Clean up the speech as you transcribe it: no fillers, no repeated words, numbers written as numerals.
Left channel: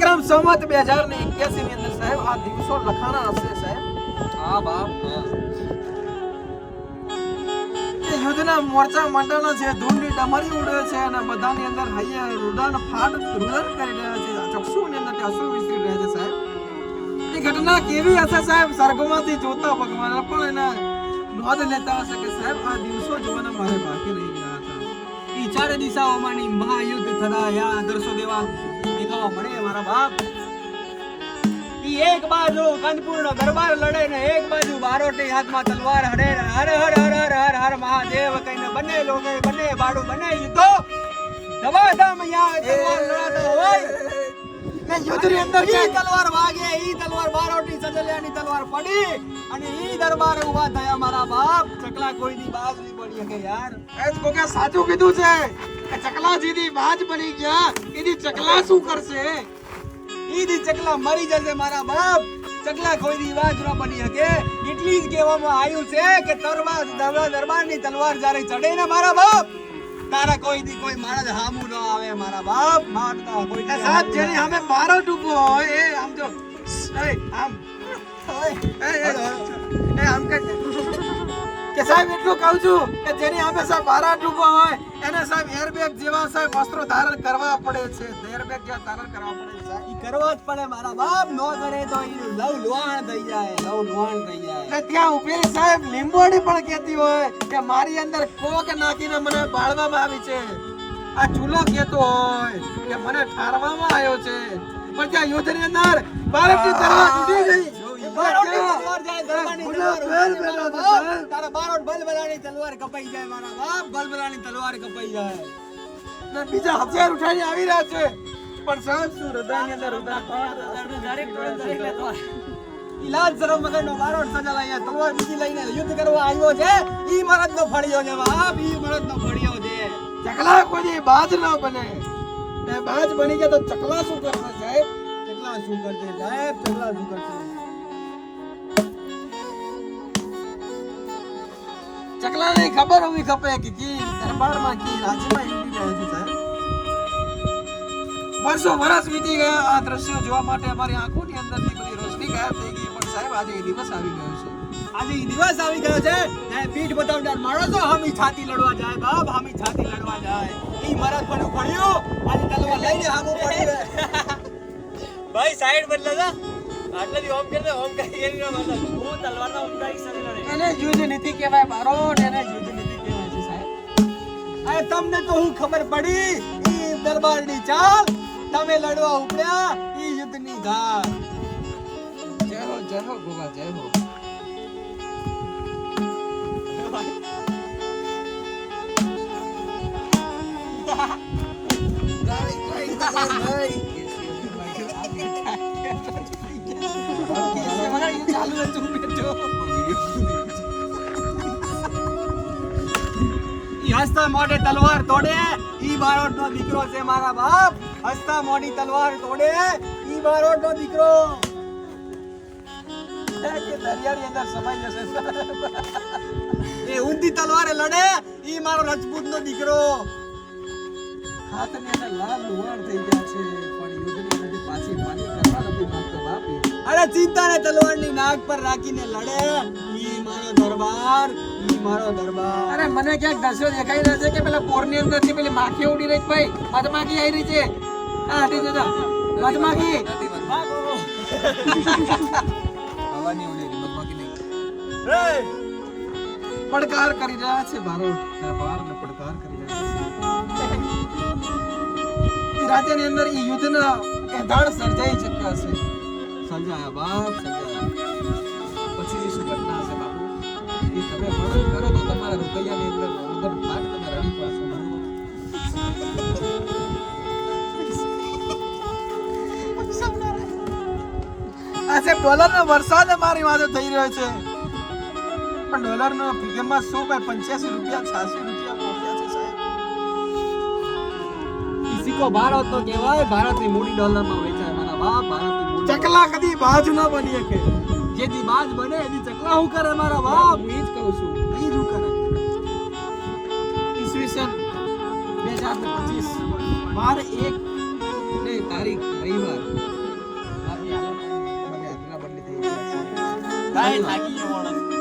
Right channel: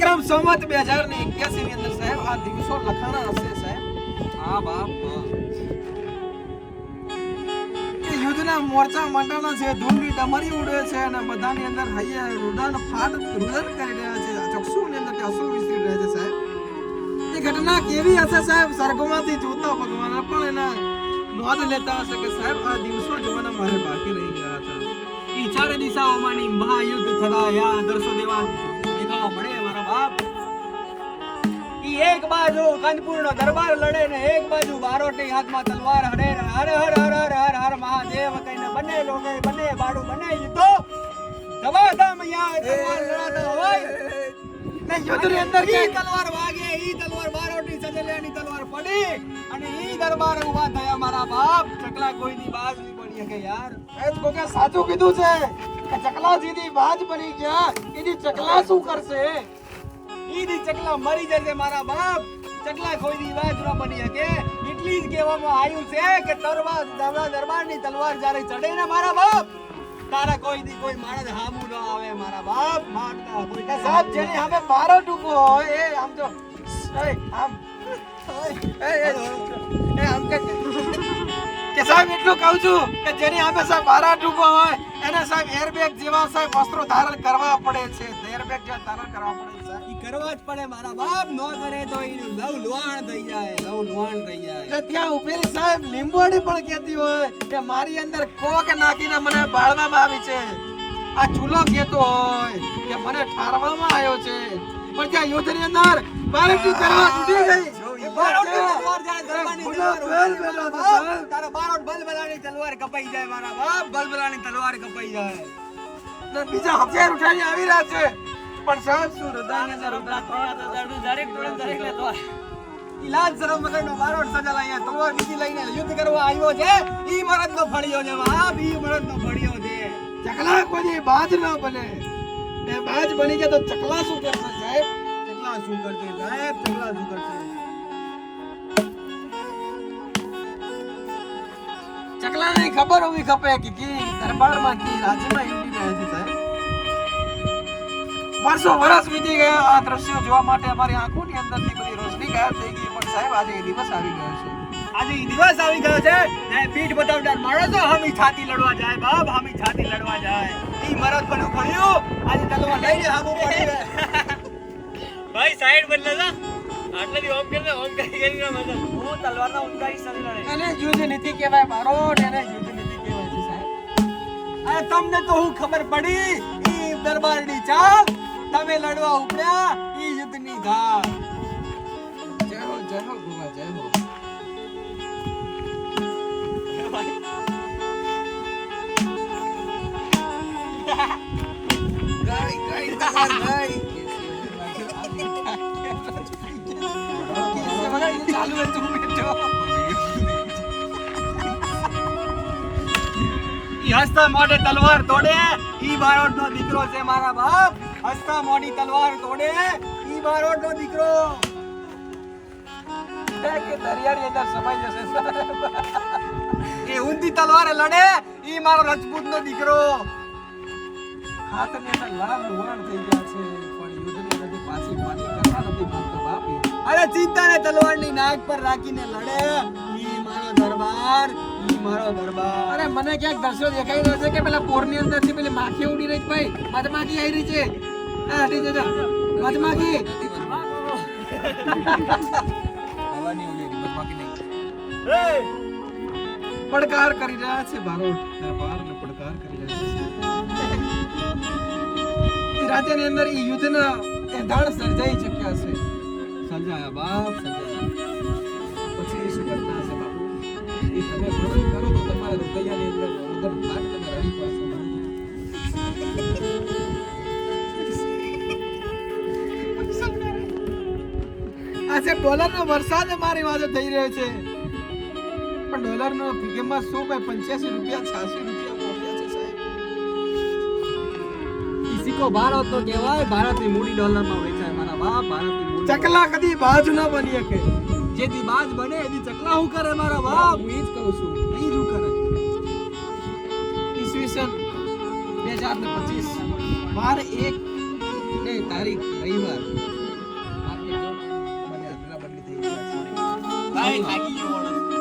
વિક્રમ સંવત 2081 ની અંદર સાહેબ આ દિવસો લખાણા હશે સાહેબ. હા બાપ કે યુદ્ધના મોરચા મંડળના છે, ધૂળની ડમરી ઉડે છે અને બધાની અંદર હૈયે રુદન કરી રહ્યા છે, ચક્ષુની અંદર અસુ વિસરી રહ્યા છે સાહેબ. એ ઘટના કેવી હશે સાહેબ? સ્વર્ગમાંથી જોતા ભગવાન પણ એના નોંધ લેતા હશે કે સાહેબ આ દિવસો જોવાના મારે બાકી રહી ગયા હતા. ઈ ચારે દિશાઓમાંની મહાયુદ્ધ થતા યા દર્શો દેવા દેખાવા મળે મારા બાપ. ઈ એક બાજુ કંદપુરનો દરબાર લડે ને એક બાજુ બારોટી હાથમાં તલવાર હડે ને હર હર હર હર હર હર મહાદેવ કહીને બંને લોગે બંને બાડું બંને યુદ્ધો ધમાધમ યા તલવાર લડાતા હોય ને યુદ્ધની અંદર ઈ તલવાર વાગે ઈ તલવાર બારોટી સજલિયાની તલવાર પડી અને ઈ દરબાર ઉભા થયા મારા બાપ. ચકલા કોઈની બાજ નહીં પડી કે યાર. એ જ કોકે સાચું કીધું છે કે ચકલાજીની બાજ બની ગયા. એની ચકલા શું કરશે? ઈ દી ચકલા મરી જશે મારા બાપ. ચકલા કોઈની બાજ ન બની શકે. એટલી જ કહેવામાં આવ્યું છે કે દરબારની તલવાર જ્યારે ચડે ને મારા બાપ તારા કોઈ દી કોઈ માણસ હામું ન આવે મારા બાપ. મારતા કોઈ કે સાહેબ જેની સામે બારો ટૂંકો હોય એ આમ જો આમ આમ કે સાહેબ એટલું કહું છું કે જેની સામે સાહેબ બારા ટૂંકો હોય એને સાહેબ એરબેગ જેવા સાહેબ વસ્ત્રો ધારણ કરવા પડે છે. એરબેગ જેવા ધારણ કરવા પડે છે. ઈ કરવા જ પડે મારા બાપ. નો કરે તો ઈ લવ લોહાણ થઈ જાય. ને ત્યાં ઉભેલી સાહેબ લીંબોડી પણ કહેતી હોય કે મારી અંદર કોક નાખીને મને બાળવામાં આવી છે. આ ચૂલો કહેતો હોય કે મને ઠારવામાં આવ્યો છે. પણ ત્યાં યુદ્ધની અંદર ભારતની તલવાર ઉડી ગઈ. તલવાર કપાઈ જાય મારા બાપ. બલબલાની તલવાર કપાઈ જાય ને બીજા હથિયાર ઉઠાઈને આવી રહ્યા છે પણ સાહેબ શું હૃદયની અંદર ઈલાજ શરમ વગરનો મારો સજલાયા તલવાર બીજી લઈને યુદ્ધ કરવા આવ્યો છે. ઈ મરદનો ફળિયો છે બાપ. ઈ મરદનો ફળિયો છે. ચકલા કોઈ બાજ ન બને. ને બાજ બની ગયા તો ચકલા શું કરશે સાહેબ? ચકલા શું કરશે સાહેબ? ચકલા શું કરશે? ચકલાને ખબર હોવી ખપે કે દરબારમાં કી રાજ્યમાં યુદ્ધ રહ્યા છે સાહેબ. વર્ષો વર્ષ વીતી ગયા આ દ્રશ્યો જોવા માટે અમારી આંખોની અંદરથી બધી રોશની ગાયબ થઈ ગઈ. પણ સાહેબ આજે એ દિવસ આવી ગયો છે. આજે ઈ દિવસ આવી ગયો છે ને પીઠ બતાવનાર માણસો હામી છાતી લડવા જાય બાપ. હામી છાતી લડવા જાય. ઈ મરદ પણ ફળ્યો આજે તલવાર લઈને હામું પડ્યું. ભાઈ સાઈડ બદલે જા. આટલાથી ઓમ કરી દે. ઓમ કરી ના મતલબ હું તલવારના ઊંડા હિસ્સાથી લડે. એને યુદ્ધ નીતિ કહેવાય મારો. એને યુદ્ધ નીતિ કહેવાય છે સાહેબ. અરે તમને તો હું ખબર પડી ઈ દરબારની ચાલ. તમે લડવા ઉપડ્યા ઈ યુદ્ધની ધાર. જય હો ગોગા જય હો. હસતા મોઢે તલવાર તોડે ઈ બારોટનો દીકરો છે મારા બાપ. હસતા મોઢી તલવાર તોડે ઈ બારોટનો દીકરો. કે દરિયાની અંદર સમાઈ જશે સાહેબ. એ ઊંધી તલવારે લડે ઈ મારો રજપૂતનો દીકરો. હાથની અંદર લાલ લોહાણ થઈ ગયા છે પણ યુદ્ધની અંદર પાછી પાછી કરવા નથી માંગતો બાપી. અરે ચિંતાને તલવારની નાક પર રાખીને લડે ઈ મારો દરબાર. ઈ મારો દરબાર. અરે મને ક્યાંક દ્રશ્યો દેખાઈ રહ્યા છે કે પેલા પોરની અંદર થી પેલી માખી ઉડી રહી છે ભાઈ. મધમાખી આવી રહી છે. હા હટી જજો મધમાખી. હવાની ઉડી મધમાખી નહીં. પડકાર કરી રહ્યા છે બારોટ. દરબારને પડકાર કરી રહ્યા છે. રાજ્યની અંદર ઈ યુદ્ધના એંધાણ સર્જાઈ ચૂક્યા છે. સજાયા બાપ સજાયા. પછી શું ઘટના છે બાપુ? એ તમે વર્ણન કરો તો તમારા રૂપિયાની અંદર ઉધર ભાગ તમે રડી પડશો. આજે ડોલરનો વરસાદ અમારી વાતે થઈ રહ્યો છે પણ ડોલરનો કિંમત શું ભાઈ 85 રૂપિયા 86 રૂપિયા પહોંચ્યા છે સાહેબ. સિક્કો ભારત તો કહેવાય. ભારતની મૂડી ડોલરમાં વેચાય મારા બાપ. ભારતની મૂડી ચકલા કદી બાજ ન બની શકે. જેથી બાજ બને એની ચકલા હું કરે મારા બાપ. હું ઈ જ કહું છું. ઈ જ હું કરે. ઈસવીસન 2025 મારે એક ને તારીખ રવિવાર મને હાજરા બદલી થઈ ગઈ છે. કાંઈ થાકી ગયો માણસ.